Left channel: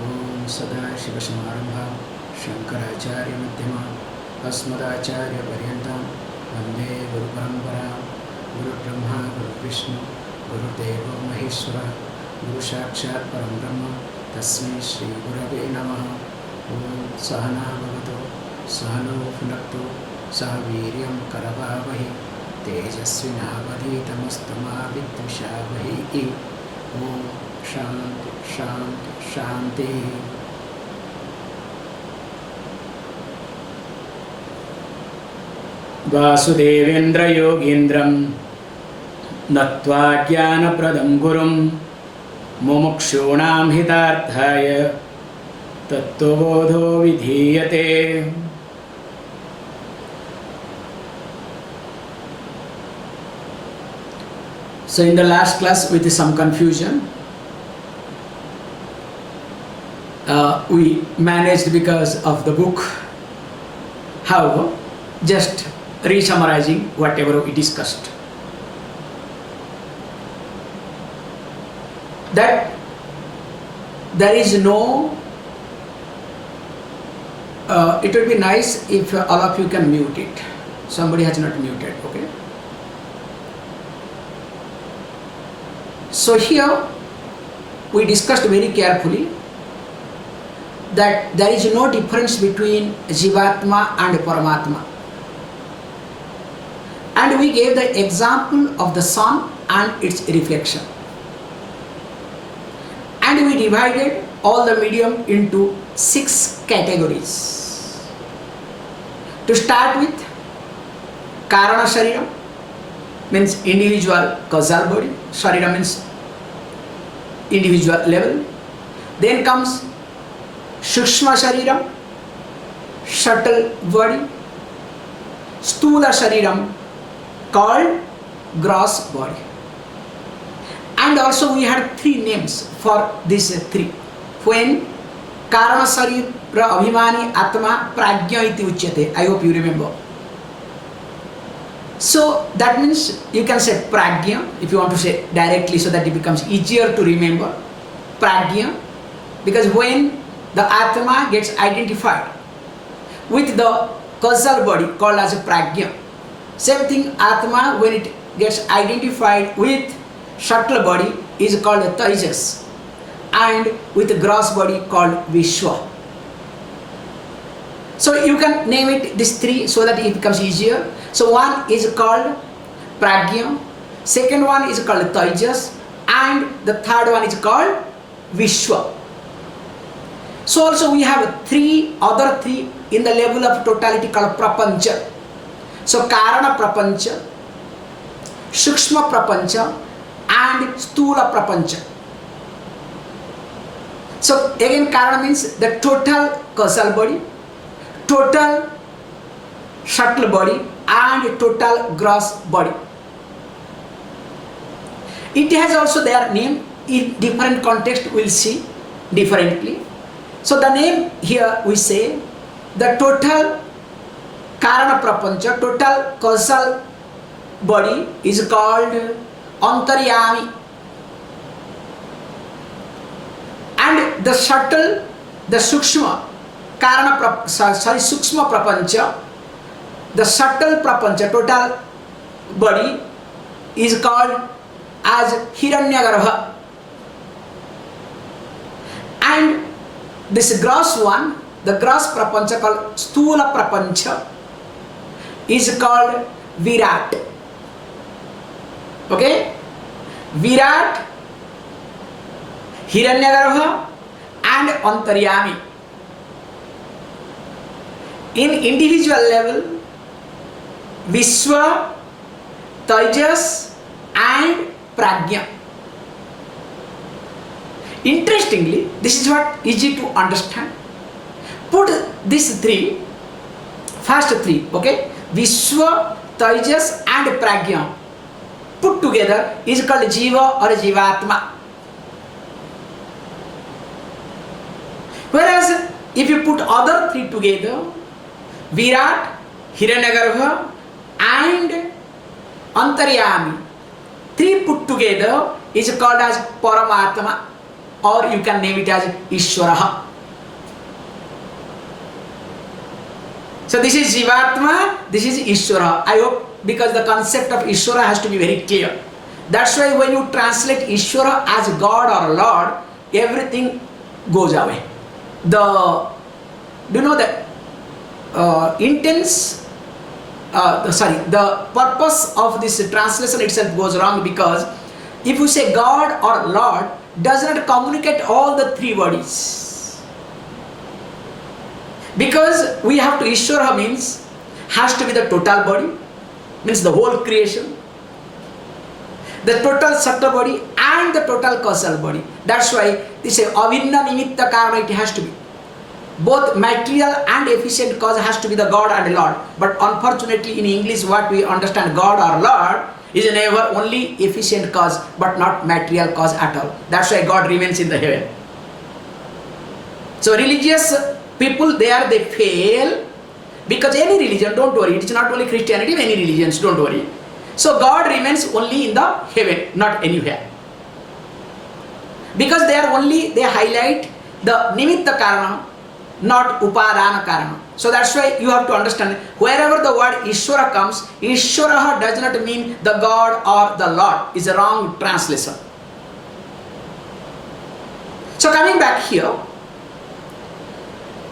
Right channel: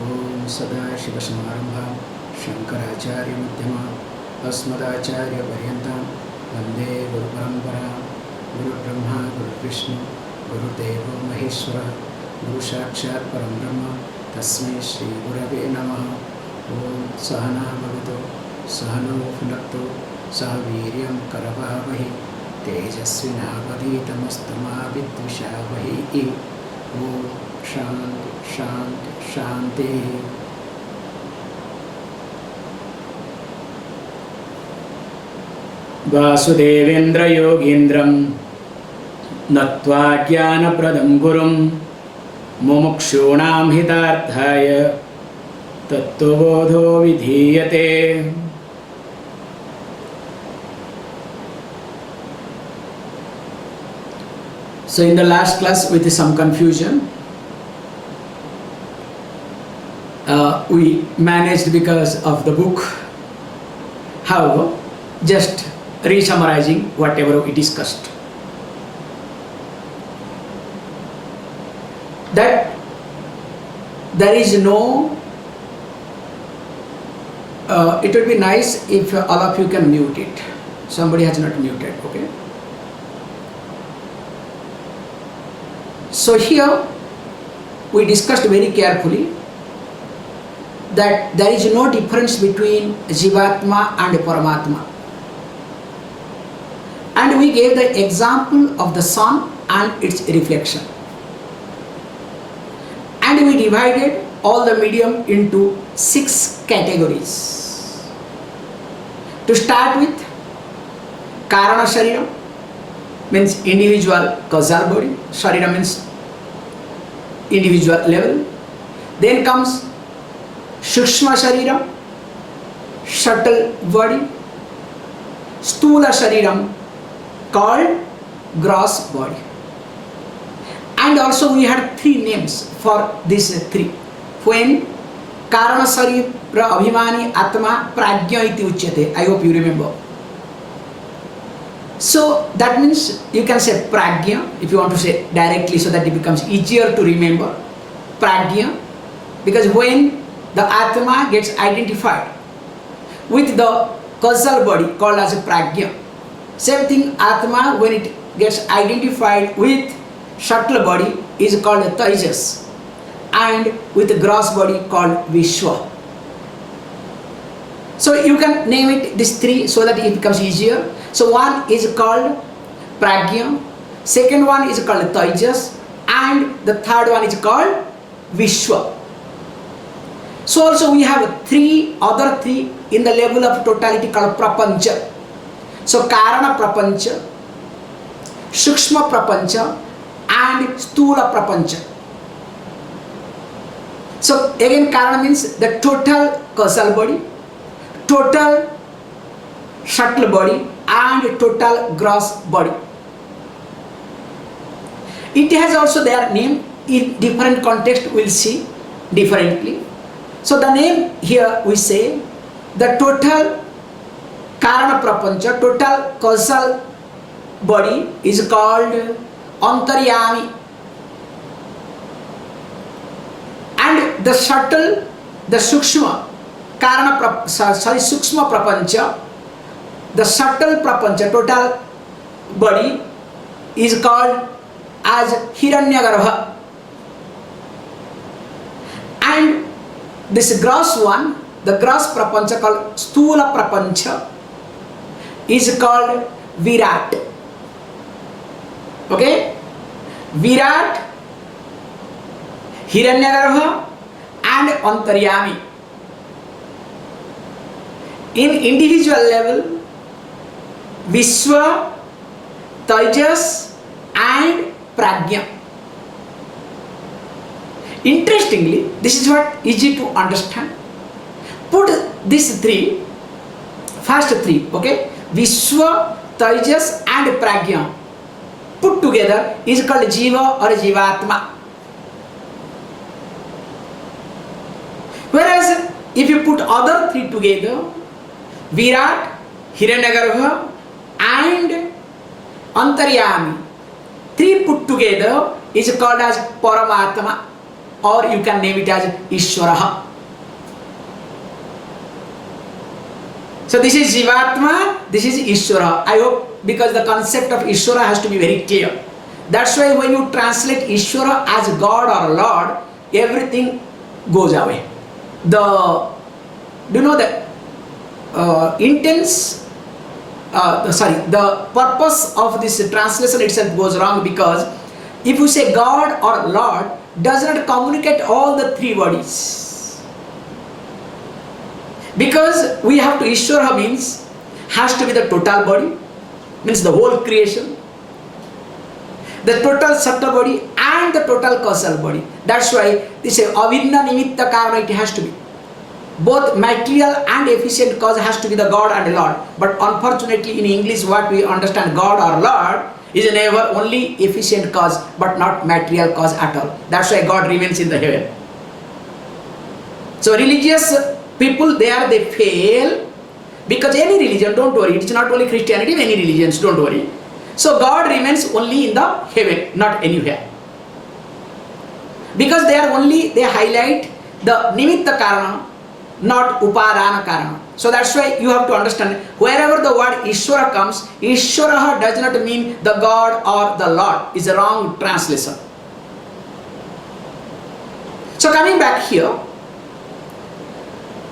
Om Sadashiva-Samarambham Shankaracharya-Madhyamam Asmadacharya-Paryantam Vande Guru-Paramparam Guru Brahma Guru Vishnu Guru Deva Maheshwara Guru Sakshat Param Brahma Tasmai Shri Gurave Namaha Om Sahana Bhavato Sahano Phunakto Sahaviryam Karavavahi Tejasvinavadhitamastu Vidvishavahi Om Shanti Shanti Shanti. Vasudevendra Yogindram Natva Jnana Pradam Gurum Mumukshunam Hitarthaya Tattvabodho Vidhiyate. So in the last class, with some confusion, we managed because of the book. However, just re-summarizing whatever we discussed. That there is no, it would be nice if all of you can mute it. Somebody has not muted, okay? So here we discussed very carefully that there is no difference between Jivatma and Paramatma. And we gave the example of the sun and its reflection. And we divided all the medium into 6 categories. To start with, Karana Sharira means individual causal body. Sharira means individual level. Then comes Sukshma Shariram, subtle body. Stula Shariram, called gross body. And also we had 3 names for these 3. When Karana Sharira Abhimani Atma Prajna iti uchyate. I hope you remember. So that means you can say Prajna if you want to say directly so that it becomes easier to remember. Prajna, because when the Atma gets identified with the causal body called as a Prajna. Same thing, Atma when it gets identified with subtle body is called Tejas, and with the gross body called Vishwa. So you can name it these 3 so that it becomes easier. So one is called Prajna, second one is called Tejas, and the third one is called Vishwa. So also we have other three in the level of totality called Prapancha. So Karana Prapancha, Sukshma Prapancha and Stula Prapancha. So again Karana means the total causal body, total subtle body and total gross body. It has also their name in different context, we'll see differently. So the name here we say the total Karana Prapancha, total causal body is called Antaryami, and the subtle, the Sukshma Sukshma Prapancha, the subtle Prapancha, total body is called as Hiranyagarbha, and this gross one, the gross Prapancha called Stula Prapancha is called Virat. Okay? Virat, Hiranyagarbha and Antaryami. In individual level, Vishwa, Tejas and Prajna. Interestingly, this is what easy to understand. Put these 3, first 3, okay? Vishwa, Tejas and Prajna put together is called Jiva or Jivatma. Whereas if you put other 3 together, Virat, Hiranyagarbha and Antaryami, 3 put together is called as Paramatma. or you can name it as Ishwaraha. So this is Jivatma, this is Ishwara. I hope, because the concept of Ishwara has to be very clear. That's why when you translate Ishwara as God or Lord, everything goes away. The purpose of this translation itself goes wrong, because if you say God or Lord, does not communicate all the three bodies. Because we have to Ishwara means has to be the total body, means the whole creation, the total subtle body and the total causal body. That's why they say avinna nimitta karana, it has to be. Both material and efficient cause has to be the God and Lord. But unfortunately in English what we understand God or Lord is never only efficient cause but not material cause at all. That's why God remains in the heaven. So religious people there, they fail, because any religion, don't worry, it's not only Christianity, any religions, don't worry. So God remains only in the heaven, not anywhere. Because they highlight the nimitta karana, not upadana karana. So that's why you have to understand, wherever the word Ishwara comes, Ishwara does not mean the God or the Lord. It's a wrong translation. So coming back here,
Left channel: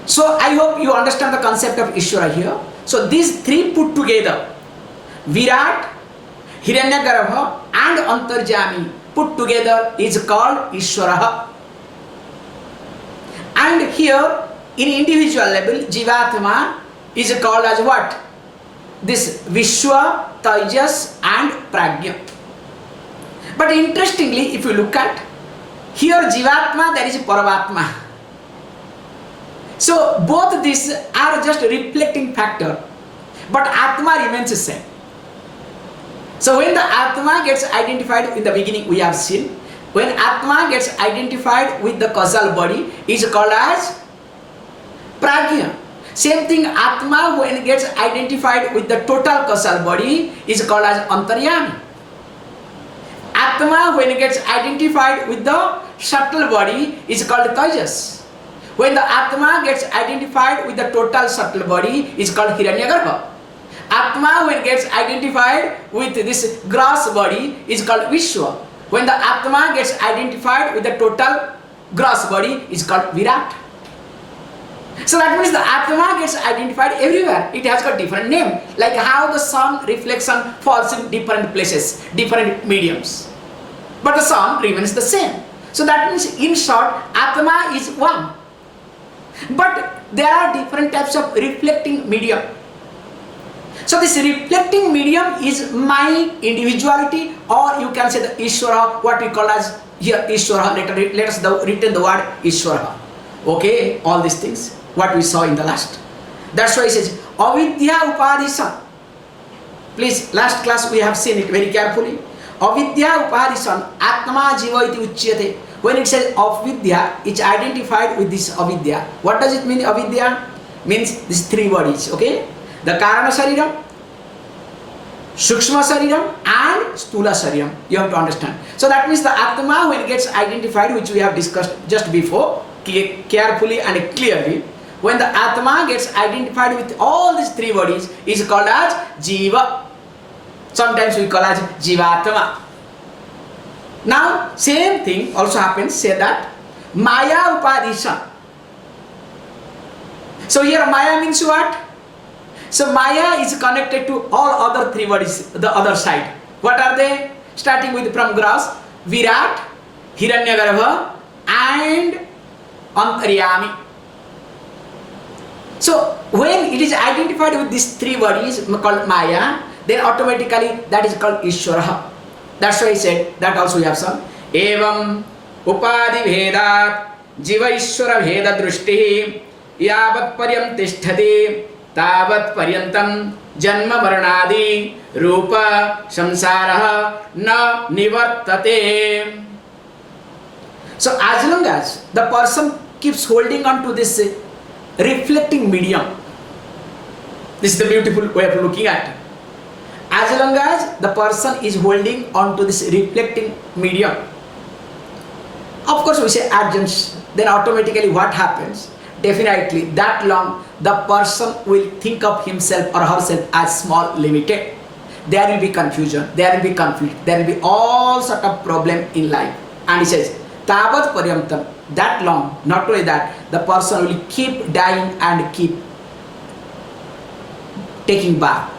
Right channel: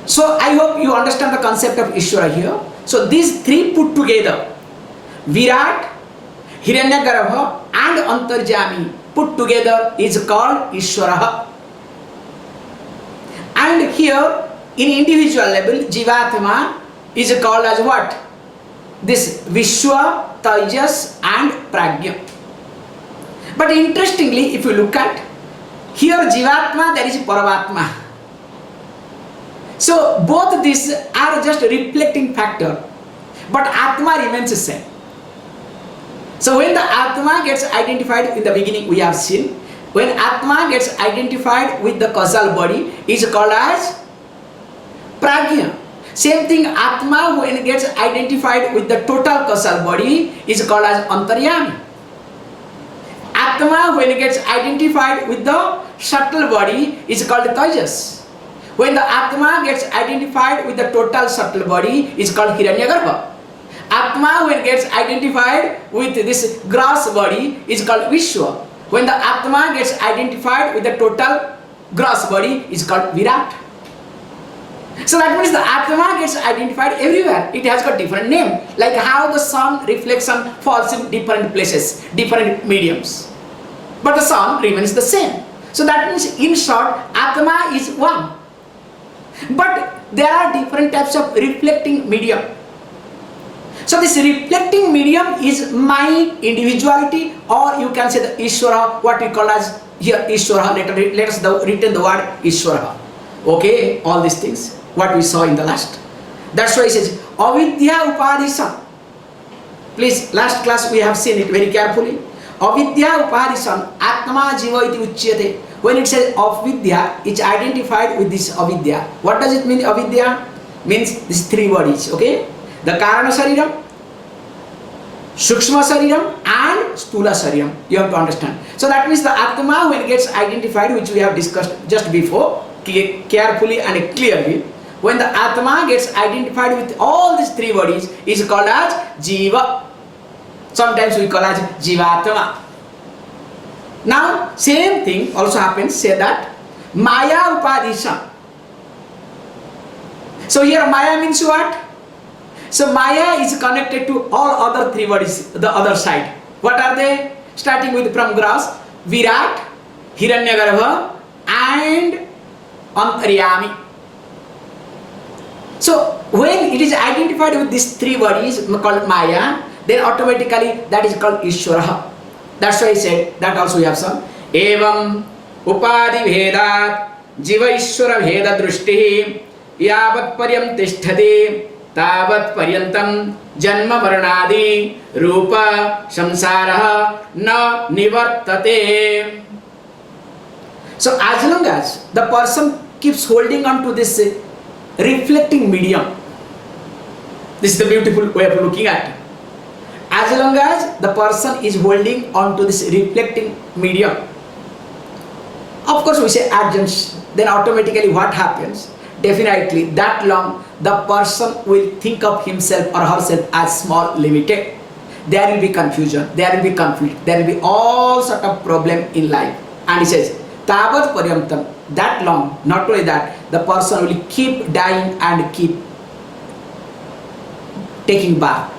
so I hope you understand the concept of Ishwara here. So these three put together, Virat, Hiranyagarbha and Antarjami put together is called Ishwara. And here in individual level, Jivatma is called as what? This Vishwa, Taijas and Pragya. But interestingly, if you look at here, Jivatma, there is Paramatma. So both these are just a reflecting factor, but Atma remains the same. So when the Atma gets identified, in the beginning we have seen, when Atma gets identified with the causal body is called as Pragya. Same thing, Atma when it gets identified with the total causal body is called as Antaryami. Atma when it gets identified with the subtle body is called Taijas. When the Atma gets identified with the total subtle body is called Hiranyagarbha. Atma when it gets identified with this gross body is called Vishwa. When the Atma gets identified with the total gross body is called Virat. So that means the Atma gets identified everywhere. It has got different name. Like how the sun reflection falls in different places, different mediums. But the sun remains the same. So that means in short, Atma is one. But there are different types of reflecting medium. So this reflecting medium is my individuality, or you can say the Ishwara, what we call as here Ishwara. Let us written the word Ishwara. Okay, all these things, what we saw in the last. That's why it says Avidya Upadhisan. Please, last class we have seen it very carefully. Avidya Upadhisan Atma Jiva iti uchyate. When it says avidya, it's identified with this avidya. What does it mean, avidya? Means these three bodies, okay? The Karana Sariram, Sukshma Sariram and Stula Sariram. You have to understand. So that means the Atma when it gets identified, which we have discussed just before, carefully and clearly, when the Atma gets identified with all these three bodies is called as Jiva. Sometimes we call as Jivatma. Now, same thing also happens, say that Maya Upadhishan. So here Maya means what? So Maya is connected to all other three bodies, the other side. What are they? Starting with from gross, Virat, Hiranyagarbha and Antaryami. So when it is identified with these three bodies called Maya, then automatically that is called Ishwara. That's why I said, that also we have some. Evam Upadi Vedat Jiva Ishwara Veda Drushti Yavat Paryam Tishtati Tavat Paryantam Janma Varnadi Rupa Samsaraha Na Nivartate. So as long as the person keeps holding on to this reflecting medium, this is the beautiful way of looking at it. As long as the person is holding on to this reflecting medium, Of course, we say adjuncts. Then automatically what happens? Definitely that long the person will think of himself or herself as small, limited. There will be confusion, there will be conflict, there will be all sort of problem in life. And he says, Tavat Paryamtam, that long, not only that, the person will keep dying and keep taking bath.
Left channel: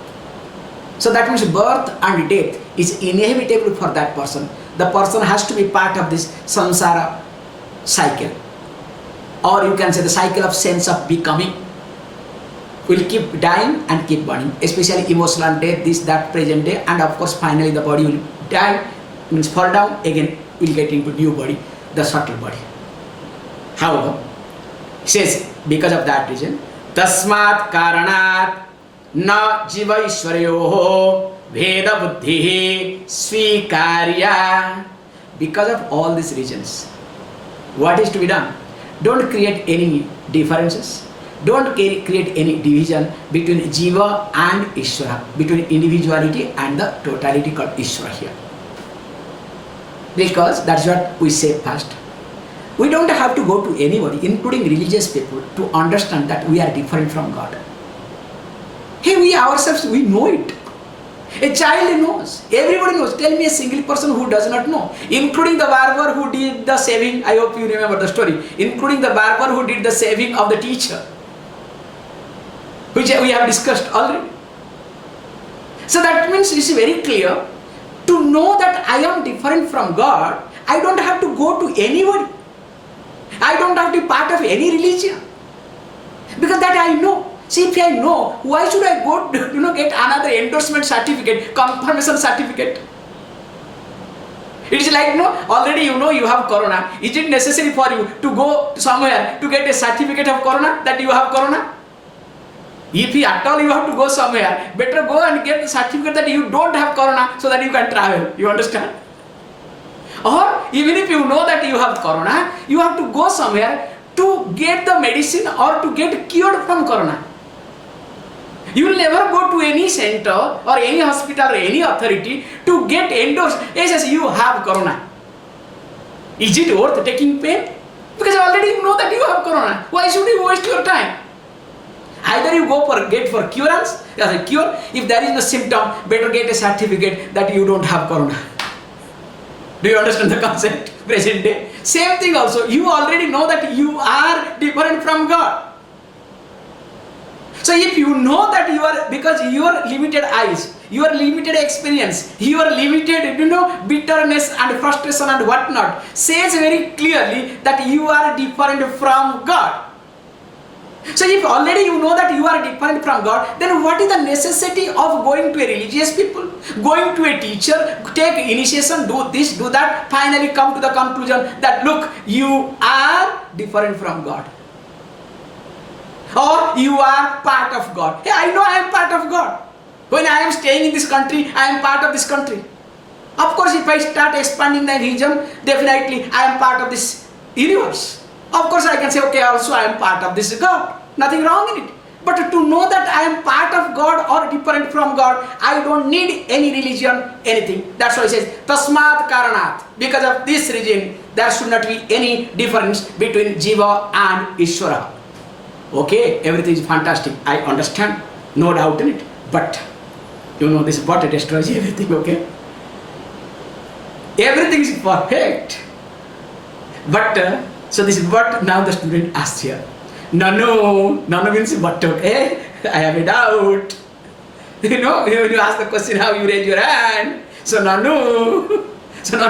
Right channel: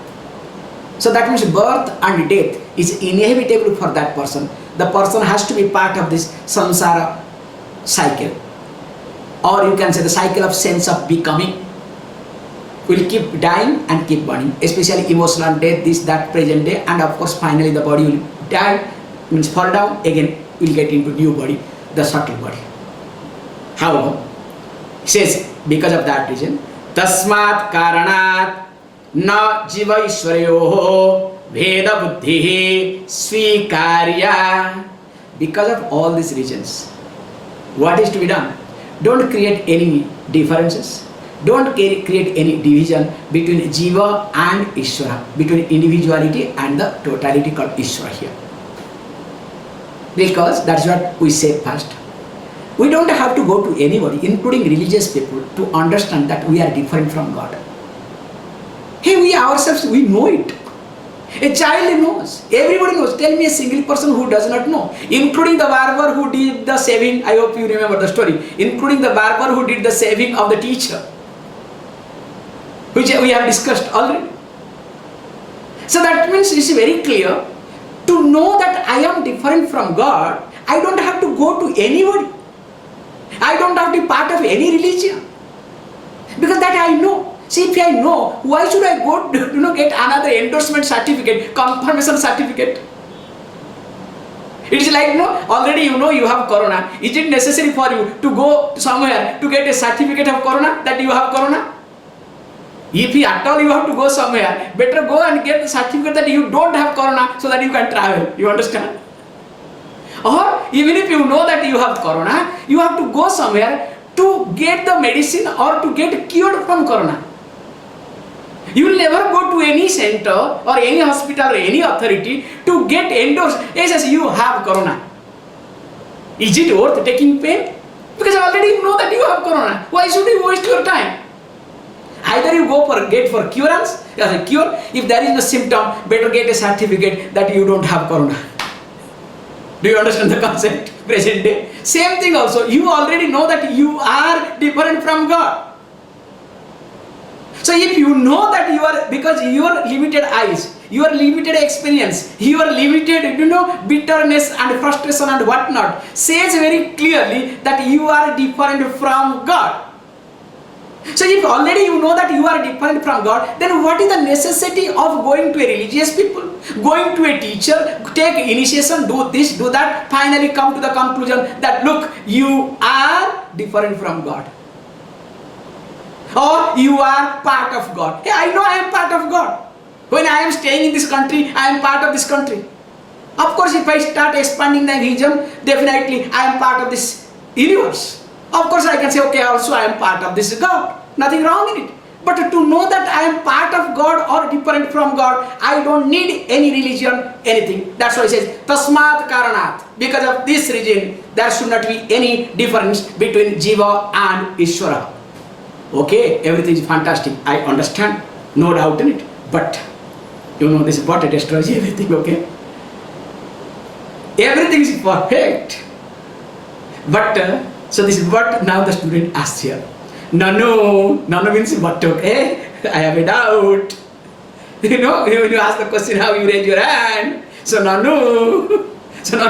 So that means birth and death is inevitable for that person. The person has to be part of this samsara cycle. Or you can say the cycle of sense of becoming. Will keep dying and keep burning, especially emotional death, this, that, present day, and of course finally the body will die, means fall down, again will get into new body, the subtle body. However, he says, because of that reason, tasmat karanat na jiva ishwarayoho veda buddhi svikarya. Because of all these reasons, what is to be done? Don't create any differences. Don't create any division between Jiva and Ishvara, between individuality and the totality called Ishvara here. Because that's what we say first. We don't have to go to anybody, including religious people, to understand that we are different from God. Hey, we ourselves, we know it. A child knows. Everybody knows. Tell me a single person who does not know. Including the barber who did the saving. I hope you remember the story. Including the barber who did the saving of the teacher, which we have discussed already. So that means it's very clear. To know that I am different from God, I don't have to go to anybody. I don't have to be part of any religion. Because that I know. See, if I know, why should I go to get another endorsement certificate, confirmation certificate? It is like, already you know you have corona. Is it necessary for you to go somewhere to get a certificate of corona, that you have corona? If at all you have to go somewhere, better go and get the certificate that you don't have corona so that you can travel. You understand? Or even if you know that you have corona, you have to go somewhere to get the medicine or to get cured from corona. You will never go to any center or any hospital or any authority to get endorsed. Yes, you have corona. Is it worth taking pain? Because already you know that you have corona. Why should you waste your time? Either you go for get for curance, as a cure. If there is no symptom, better get a certificate that you don't have corona. Do you understand the concept? Present day. Same thing also. You already know that you are different from God. So if you know that you are, because your limited eyes, your limited experience, your limited, bitterness and frustration and whatnot, says very clearly that you are different from God. So if already you know that you are different from God, then what is the necessity of going to a religious people, going to a teacher, take initiation, do this, do that, finally come to the conclusion that look, you are different from God. Or you are part of God. Hey, I know I am part of God. When I am staying in this country, I am part of this country. Of course, if I start expanding the region, definitely I am part of this universe. Of course, I can say, okay, also I am part of this God. Nothing wrong in it. But to know that I am part of God or different from God, I don't need any religion, anything. That's why it says, Tasmat Karanat. Because of this reason, there should not be any difference between Jiva and Ishvara. Okay, everything is fantastic. I understand. No doubt in it. But, this body destroys everything, okay? Everything is perfect. But, so this is what now the student asks here. Nanu means what, okay? I have a doubt. When you ask the question, how you raise your hand. So Nanu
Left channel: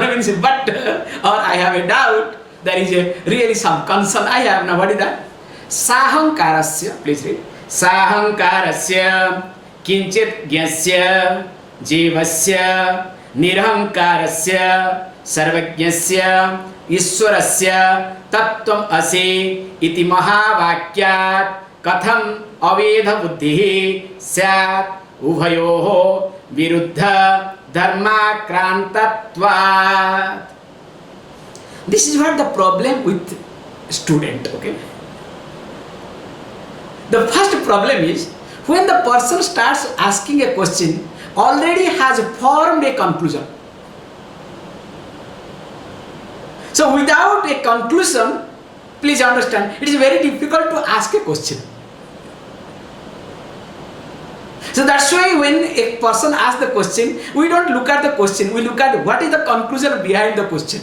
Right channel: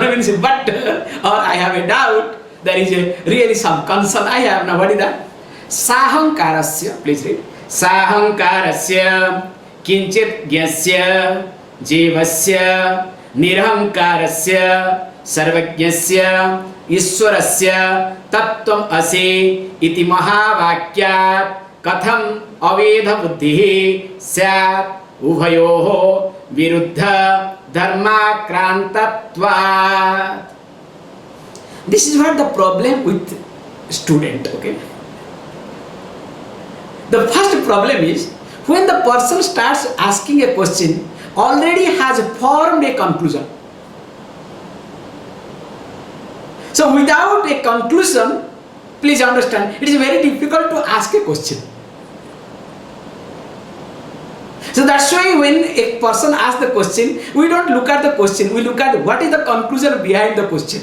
means but, or I have a doubt. There is really some concern I have. Now what is that? Sahankarasya, please read. Sahankarasya kinchit gyasya jivasya nirhankarasya sarvajnasya Ishwarasya tattvam ase iti mahavakyat katham avedha buddhi syat ubhayoho viruddha dharma krantatvat. This is what the problem with student, okay? The first problem is when the person starts asking a question, already has formed a conclusion. So without a conclusion, please understand, it is very difficult to ask a question. So that's why when a person asks the question, we don't look at the question, we look at what is the conclusion behind the question.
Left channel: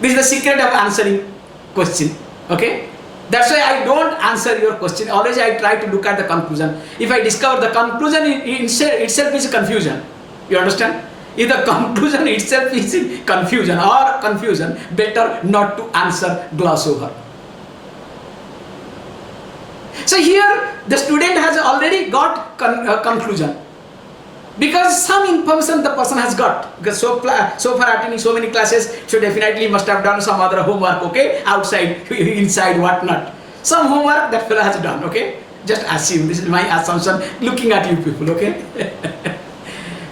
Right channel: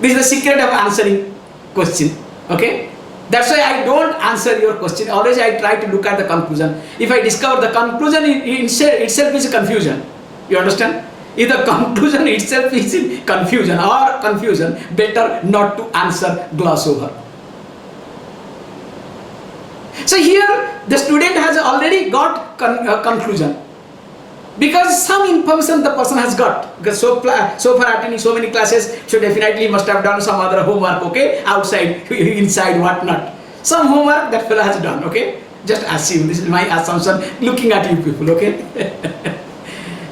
This is the secret of answering question. Okay? That's why I don't answer your question. Always I try to look at the conclusion. If I discover the conclusion itself is confusion. You understand? If the conclusion itself is in confusion, better not to answer, gloss over. So here the student has already got conclusion. Because some information the person has got. Because so far attending so many classes, so definitely must have done some other homework, okay? Outside, inside, whatnot. Some homework that fellow has done, okay? Just assume, this is my assumption, looking at you people, okay?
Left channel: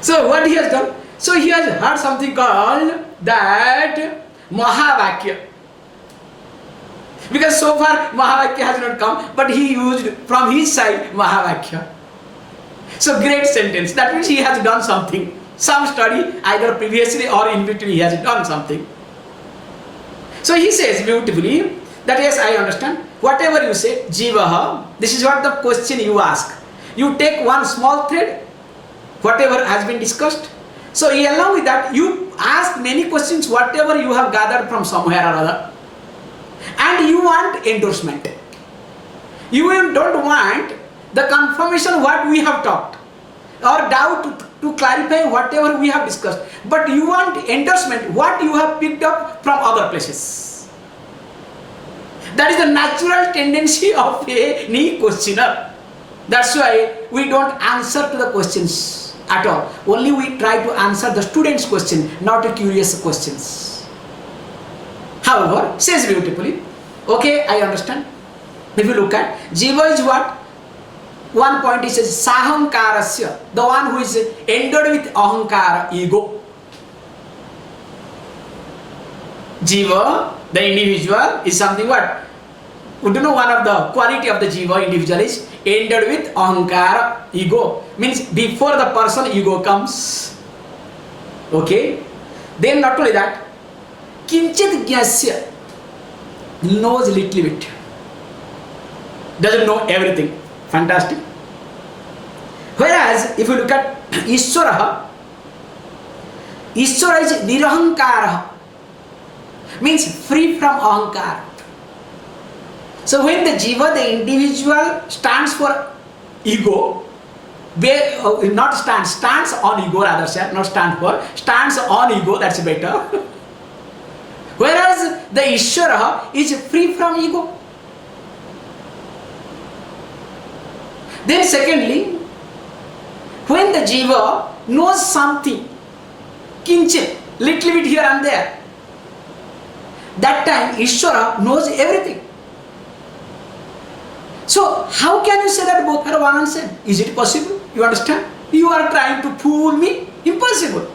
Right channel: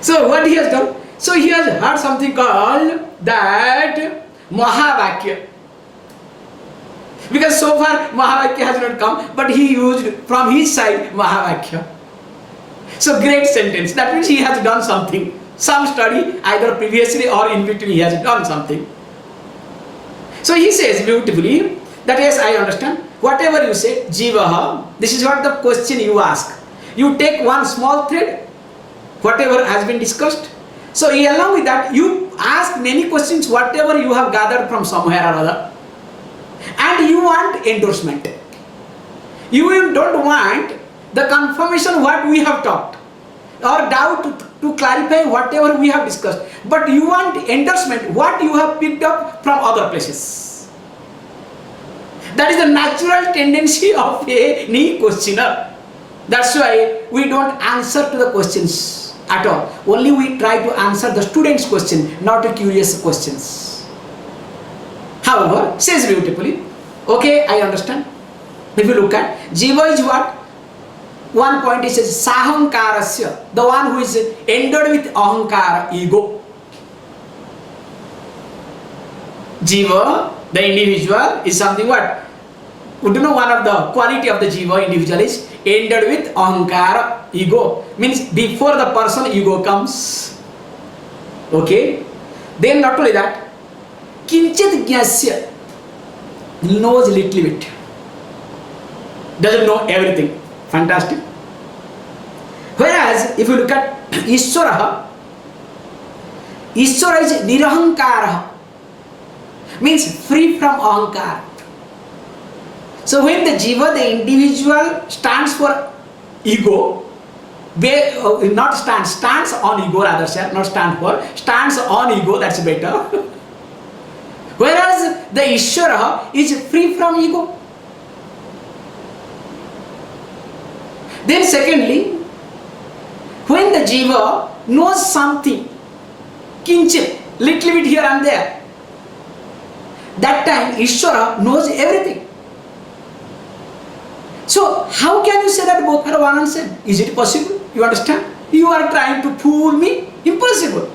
So what he has done? So he has heard something called that Mahavakya. Because so far Mahavakya has not come, but he used from his side Mahavakya. So great sentence. That means he has done something. Some study either previously or in between he has done something. So he says beautifully that yes, I understand. Whatever you say, Jivaha, this is what the question you ask. You take one small thread, whatever has been discussed. So along with that, you ask many questions, whatever you have gathered from somewhere or other. And you want endorsement. You don't want the confirmation what we have talked or doubt to clarify whatever we have discussed, but you want endorsement what you have picked up from other places. That is the natural tendency of any questioner. That's why we don't answer to the questions at all. Only we try to answer the student's question, not the curious questions. However, says beautifully, okay, I understand. If you look at Jiva is what? One point is sahankarasya, the one who is endowed with ahankara, ego. Jiva, the individual, is something what? Would you know one of the quality of the Jiva individual is endowed with ahankara, ego. Means before the person ego comes. Okay? Then not only that, kinchit gyasya, knows little bit. Doesn't know everything. Fantastic. Whereas, if you look at Ishwara is nirahankara, means free from ahankara. So when the Jiva, the individual, stands for ego, stands on ego rather, sir, not stand for, stands on ego, that's better. Whereas the Ishwara is free from ego. Then secondly, when the Jiva knows something, kinchit, little bit here and there, that time Ishwara knows everything. So how can you say that both are one and same? Is it possible? You understand? You are trying to fool me? Impossible.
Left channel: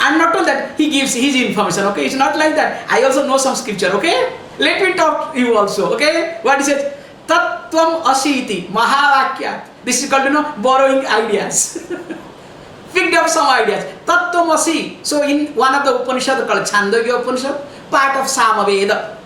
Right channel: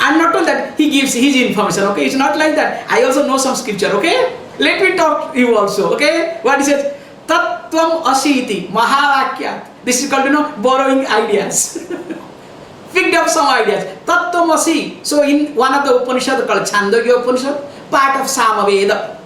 And not only that, he gives his information, okay? It's not like that. I also know some scripture, okay? Let me talk to you also, okay? What is it? Tattvam asiti, Mahavakyat. This is called, borrowing ideas. Picked up some ideas. Tattvam asi. So in one of the Upanishad called Chandogya Upanishad, part of Samaveda.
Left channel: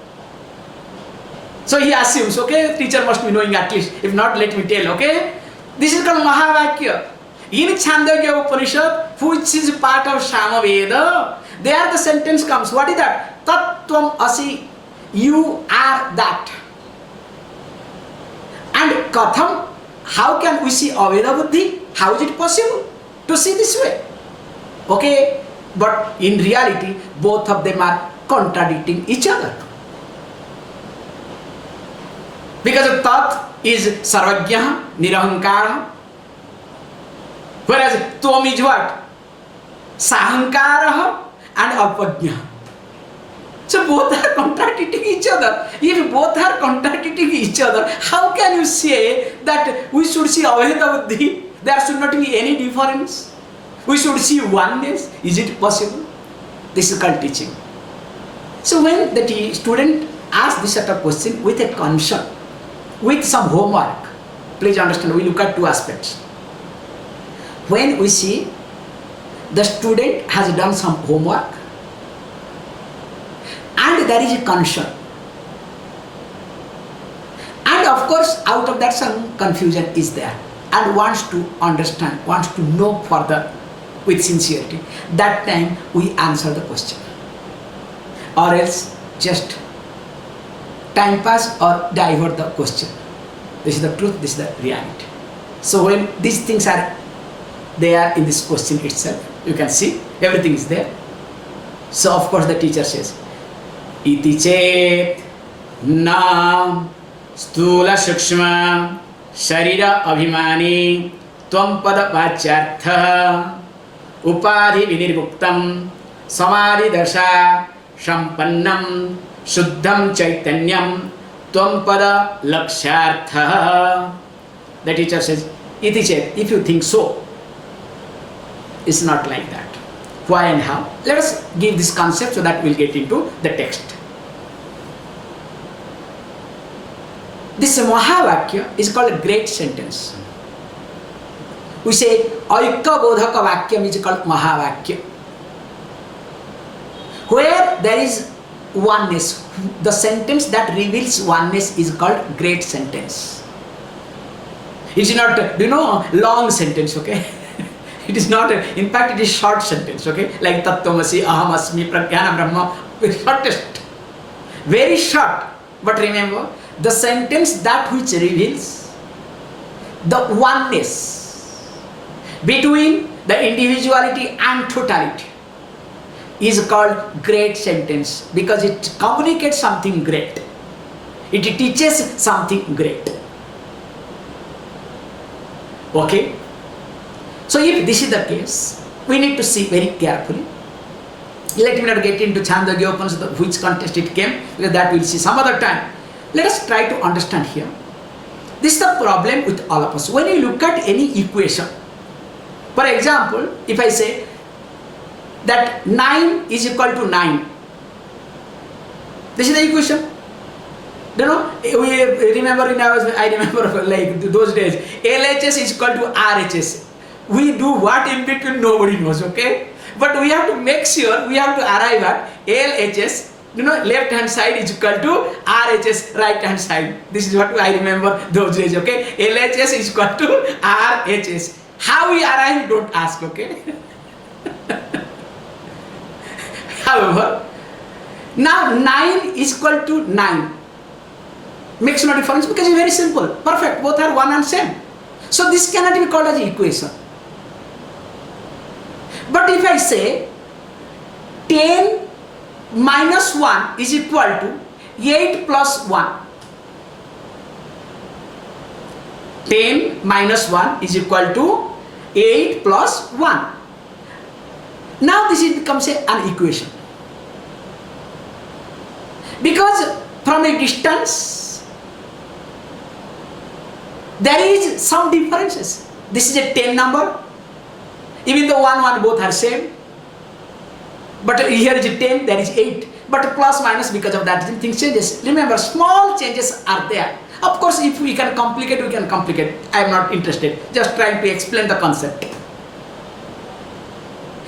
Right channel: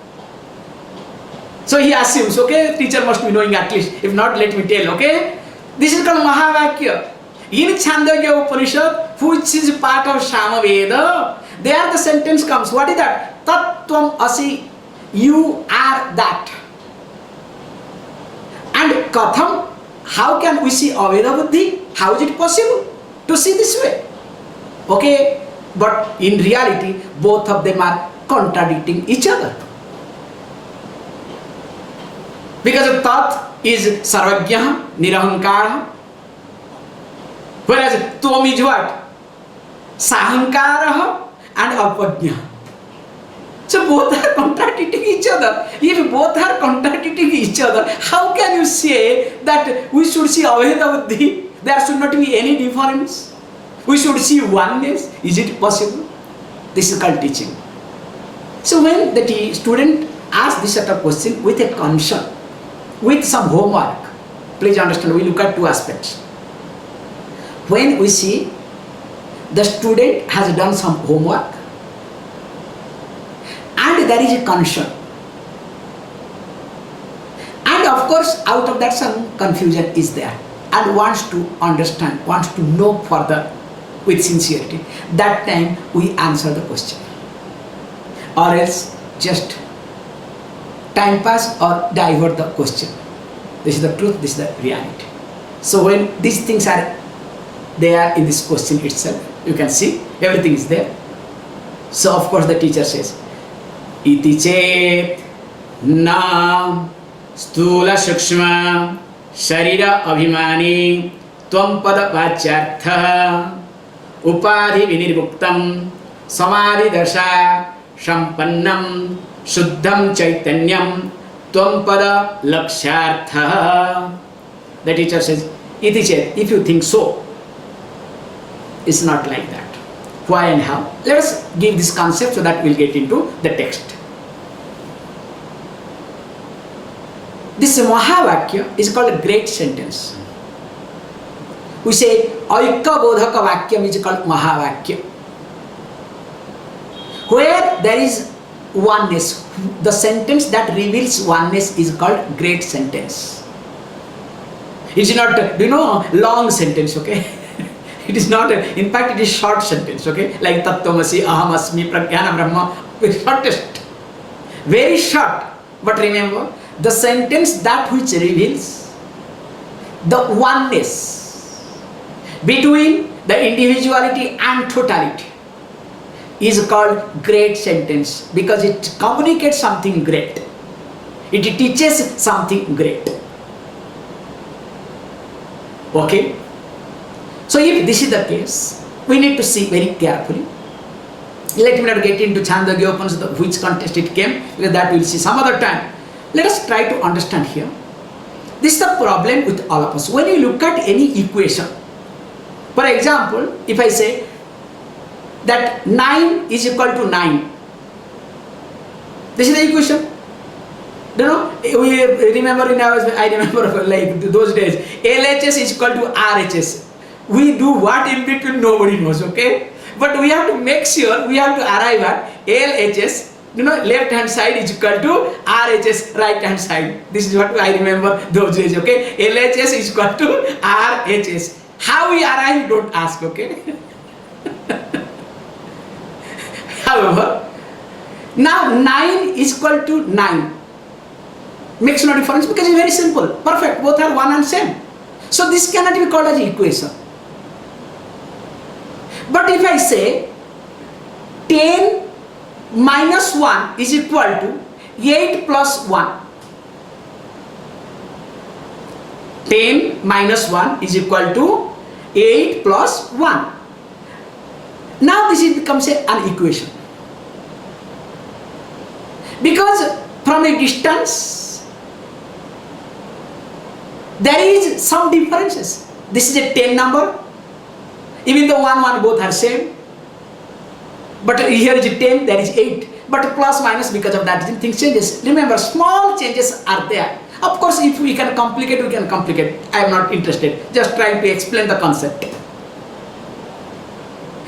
So he assumes, okay, teacher must be knowing at least. If not, let me tell, okay? This is called Mahavakya. In Chandogya Upanishad, which is part of Samaveda, there the sentence comes. What is that? Tattvam asi. You are that. And Katham, how can we see Aveda Buddhi? How is it possible to see this way? Okay, but in reality, both of them are contradicting each other. Because Tat is Sarvajñah, Nirahankara, whereas Tvam is what? Sahankara and Alpajñah. So both are contradicting each other. If both are contradicting each other, how can you say that we should see Aveda Buddhi? There should not be any difference. We should see oneness. Is it possible? This is called teaching. So when the student asks this sort of question with a concern, with some homework, please understand, we look at two aspects. When we see the student has done some homework and there is a concern. And of course, out of that some confusion is there, and wants to understand, wants to know further with sincerity. That time we answer the question, or else just time pass or divert the question. This is the truth, this is the reality. So when these things are there in this question itself, you can see everything is there. So of course the teacher says, iti chet na stula shukshma sharira abhimani tvam pada vachyartha upadhi vinirvuktam samadhi dasha sampannam shuddham chaitanyam tvam pada lakshyartha. The teacher says, iti chet, if you think so, it's not like that. Why and how? Let us give this concept so that we'll get into the text. This Mahavakya is called a great sentence. We say Aikya Bodhaka Vakyam is called Mahavakya. Where there is oneness, the sentence that reveals oneness is called great sentence. It's not, long sentence, okay? It is not, in fact, it is short sentence, okay? Like Tattvamasi, Ahamasmi, Pragyana Brahma, very shortest. Very short. But remember, the sentence that which reveals the oneness between the individuality and totality is called great sentence, because it communicates something great. It teaches something great. Okay? So if this is the case, we need to see very carefully. Let me not get into Chandogya Upanishad, which context it came, because that we'll see some other time. Let us try to understand here. This is the problem with all of us. When you look at any equation, for example, if I say that 9 is equal to 9, this is the equation. We remember I remember like those days, LHS is equal to RHS. We do what in between, nobody knows, okay? But we have to make sure, we have to arrive at LHS, left hand side is equal to RHS, right hand side. This is what I remember those days, okay? LHS is equal to RHS. How we arrive, don't ask, okay? However, now 9 is equal to 9. Makes no difference because it's very simple. Perfect. Both are one and same. So this cannot be called as equation. But if I say 10 minus 1 is equal to 8 plus 1. 10 minus 1 is equal to 8 plus 1. Now this becomes an equation. Because from a distance, there is some differences. This is a 10 number. Even though 1 both are same. But here is 10, there is 8. But plus minus, because of that things changes. Remember, small changes are there. Of course, if we can complicate, we can complicate. I am not interested. Just trying to explain the concept.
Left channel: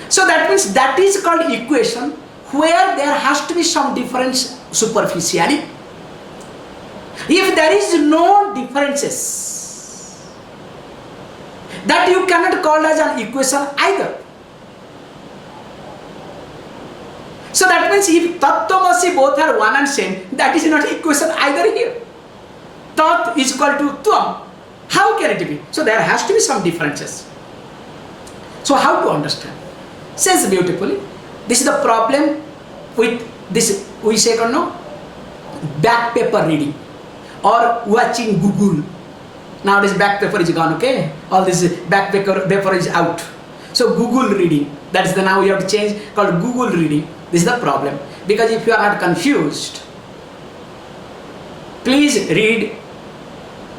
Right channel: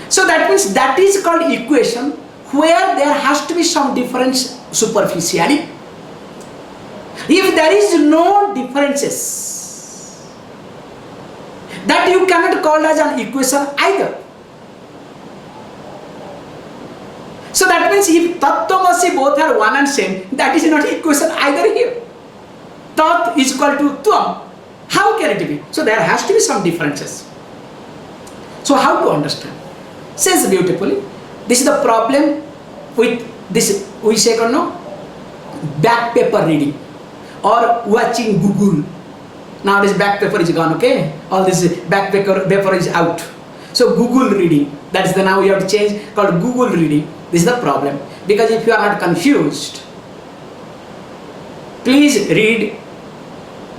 So that means that is called equation, where there has to be some difference superficially. If there is no differences, that you cannot call as an equation either. So that means if Tattvamasi both are one and same, that is not equation either here. Tat is equal to Tvam. How can it be? So there has to be some differences. So how to understand? Says beautifully, this is the problem with this, we say, back paper reading or watching Google. Nowadays back paper is gone, okay? All this back paper is out. So Google reading, that is the now we have to change, called Google reading. This is the problem. Because if you are not confused, please read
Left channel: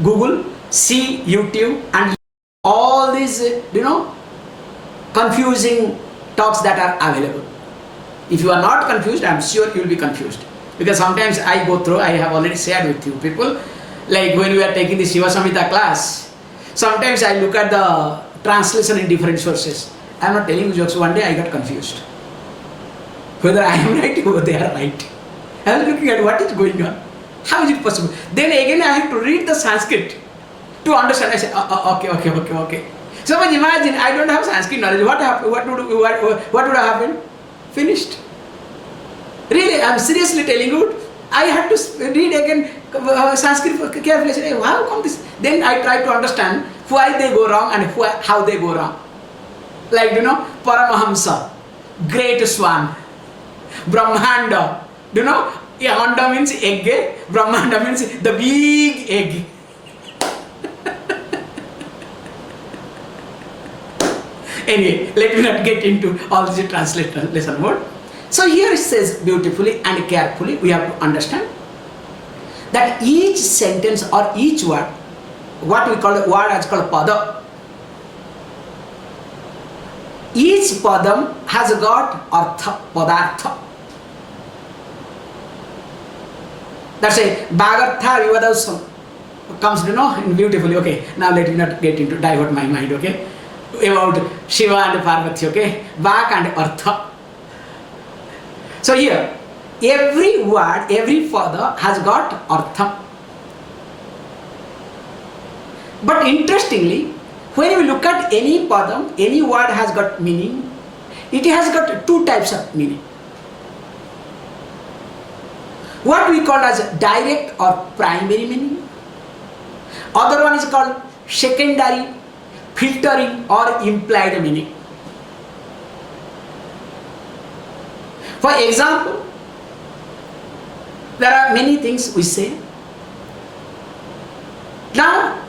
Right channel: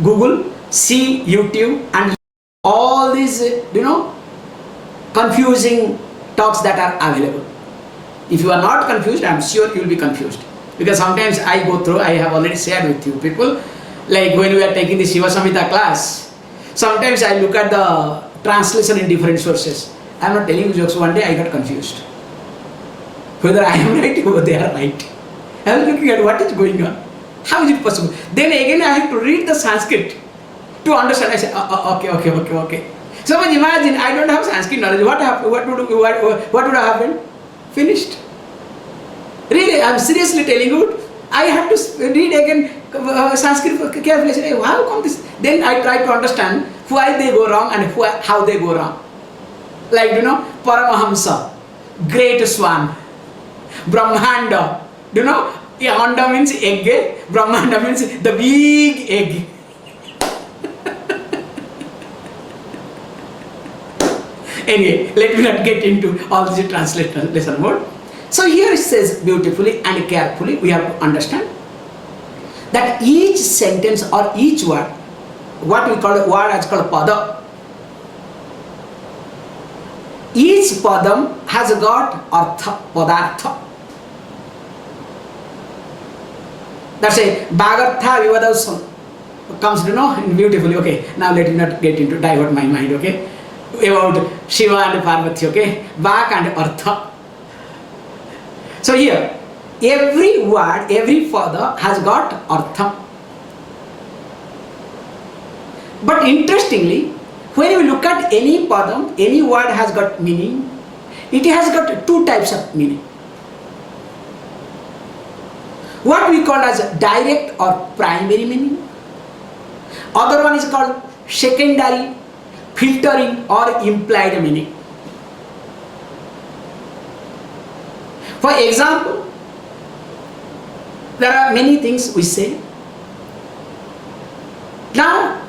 Google, see YouTube, and all these, confusing talks that are available. If you are not confused, I am sure you will be confused. Because sometimes I go through, I have already shared with you people, like when we are taking the Shiva Samhita class, sometimes I look at the translation in different sources. I am not telling you jokes, one day I got confused. Whether I am right or they are right. I was looking at what is going on. How is it possible? Then again I have to read the Sanskrit to understand. I said, okay. So imagine I don't have Sanskrit knowledge. What would have happened? Finished. Really, I'm seriously telling you. I had to read again Sanskrit carefully. I said, hey, how come this? Then I try to understand why they go wrong and how they go wrong. Like, Paramahamsa, great Swami, Brahmanda. Anda means egg, Brahmanda means the big egg. Anyway, let me not get into all this translation word. So here it says beautifully and carefully, we have to understand that each sentence or each word, what we call a word as called pada, each padam has got artha, padartha. That's a bagartha vivadasam comes in beautifully. Okay, now let me not get into divert my mind, okay, about Shiva and Parvati, okay, Bak and Artha. So here, every word, every pada has got Artha. But interestingly, when you look at any padam, any word has got meaning. It has got two types of meaning. What we call as direct or primary meaning. Other one is called secondary, filtering or implied meaning. For example, there are many things we say. Now,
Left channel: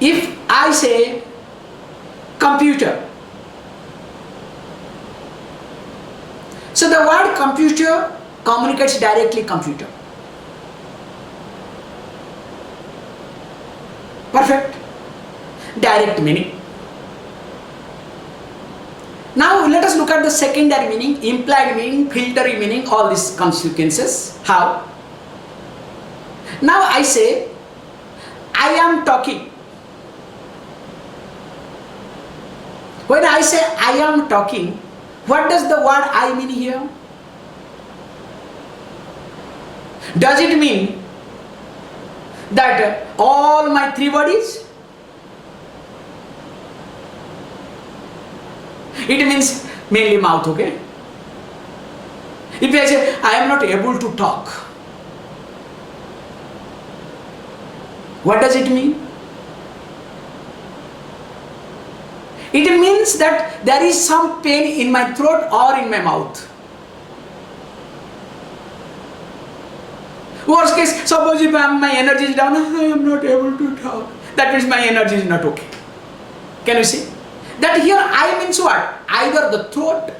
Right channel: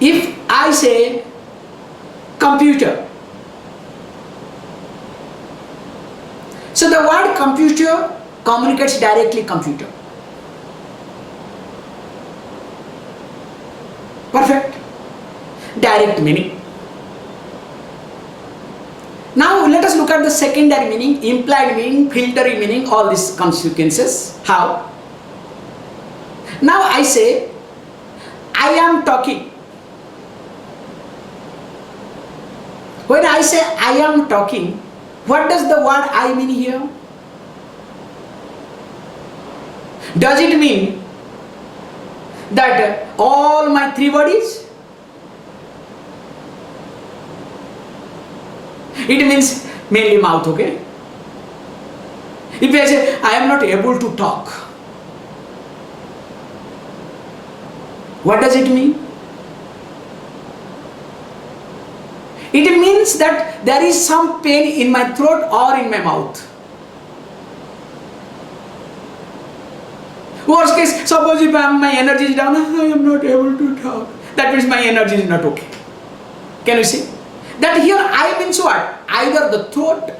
if I say computer, so the word computer communicates directly computer. Perfect. Direct meaning. Now let us look at the secondary meaning, implied meaning, filtering meaning, all these consequences. How? Now I say, I am talking. When I say I am talking, what does the word I mean here? Does it mean that all my three bodies? It means mainly mouth, okay? If I say I am not able to talk, what does it mean? It means that there is some pain in my throat or in my mouth. Worst case, suppose if my energy is down, I am not able to talk. That means my energy is not okay. Can you see? That here I means what? Either the throat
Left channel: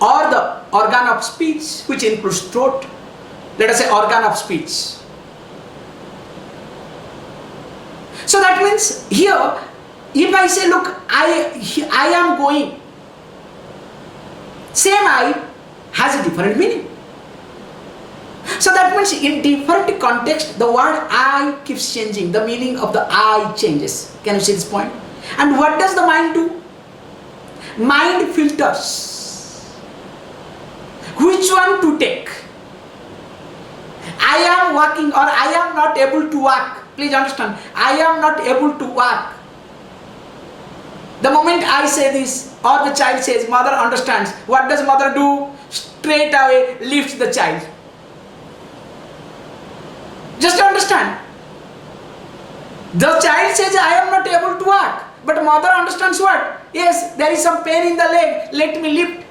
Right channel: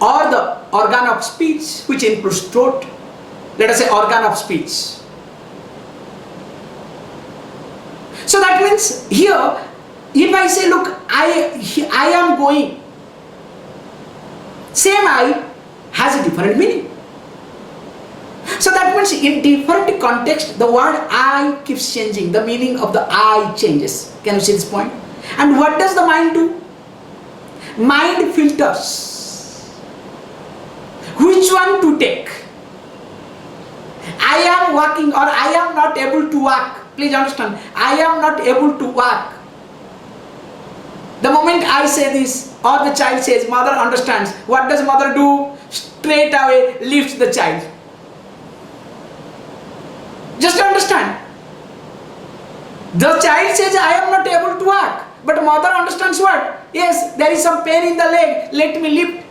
or the organ of speech, which includes throat. Let us say organ of speech. So that means here, if I say, look, I am going, same I has a different meaning. So that means in different context, the word I keeps changing. The meaning of the I changes. Can you see this point? And what does the mind do? Mind filters. Which one to take? I am walking or I am not able to walk. Please understand, I am not able to walk. The moment I say this or the child says, mother understands. What does mother do? Straight away lifts the child. Just understand. The child says, I am not able to walk. But mother understands what? Yes, there is some pain in the leg. Let me lift.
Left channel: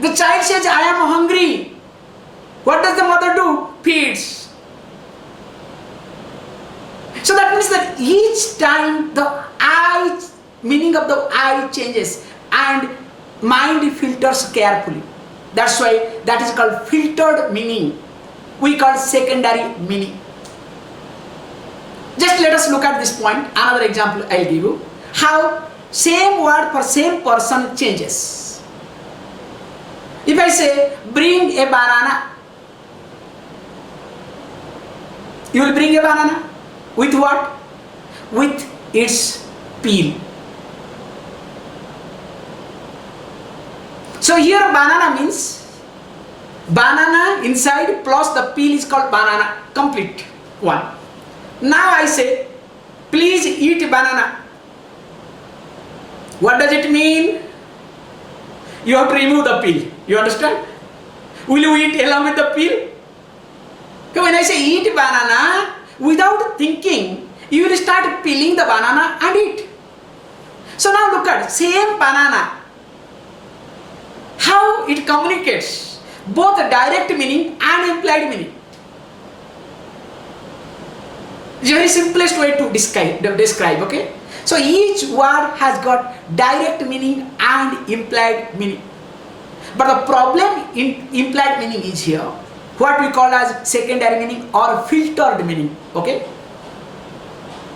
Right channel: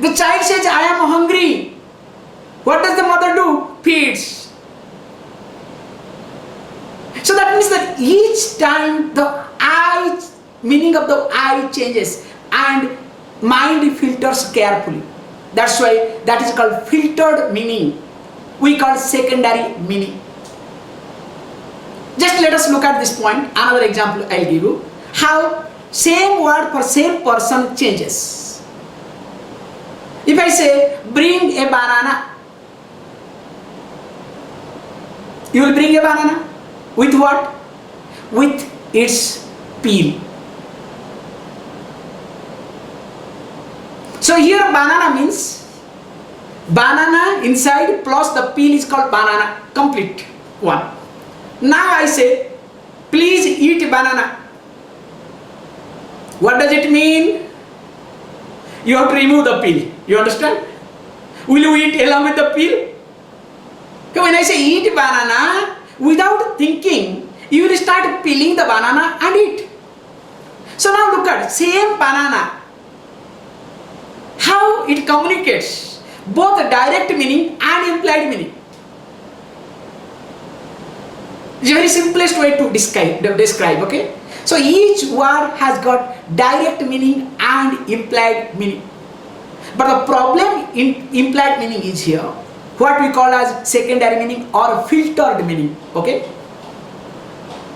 The child says, I am hungry. What does the mother do? Feeds. So that means that each time the I, meaning of the I changes and mind filters carefully. That's why that is called filtered meaning. We call secondary meaning. Just let us look at this point. Another example I'll give you. How same word for same person changes. If I say, bring a banana, you will bring a banana. With what? With its peel. So here banana means Banana inside plus the peel is called banana, complete one. Now I say, please eat banana. What does it mean? You have to remove the peel. You understand? Will you eat along with the peel? So when I say eat banana, without thinking, you will start peeling the banana and eat. So now look at same banana. How it communicates both the direct meaning and implied meaning. It's the very simplest way to describe, okay? So each word has got direct meaning and implied meaning. But the problem in implied meaning is here, what we call as secondary meaning or filtered meaning, okay?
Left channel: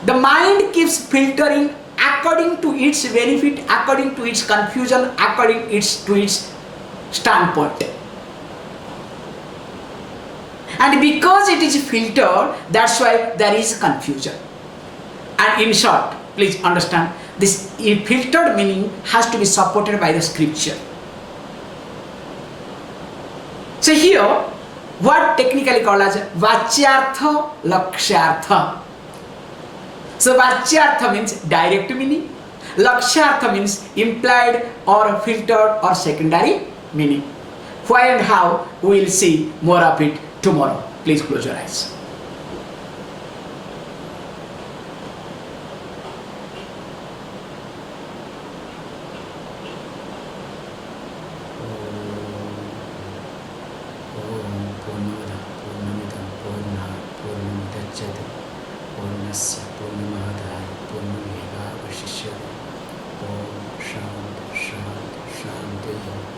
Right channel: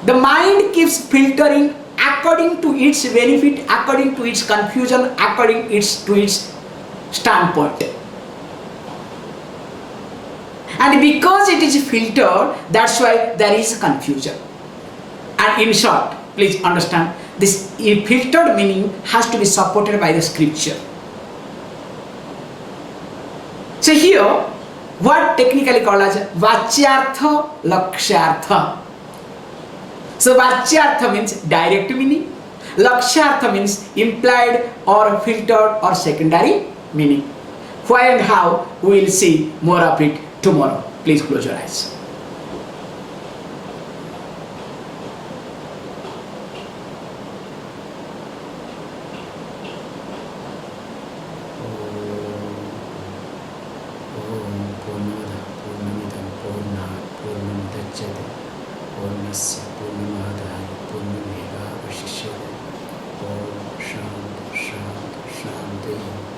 The mind keeps filtering according to its benefit, according to its confusion, according to its standpoint. And because it is filtered, that's why there is confusion. And in short, please understand, this filtered meaning has to be supported by the scripture. So here, what technically called as Vachyartha, Lakshyartha. So Vachyartha means direct meaning, Lakshyartha means implied or filtered or secondary meaning. Why and how, we will see more of it tomorrow. Please close your eyes. Oneness, Purnamadaaya, Purnameva Vashishyate. Om Shanti, Shanti, Shanti.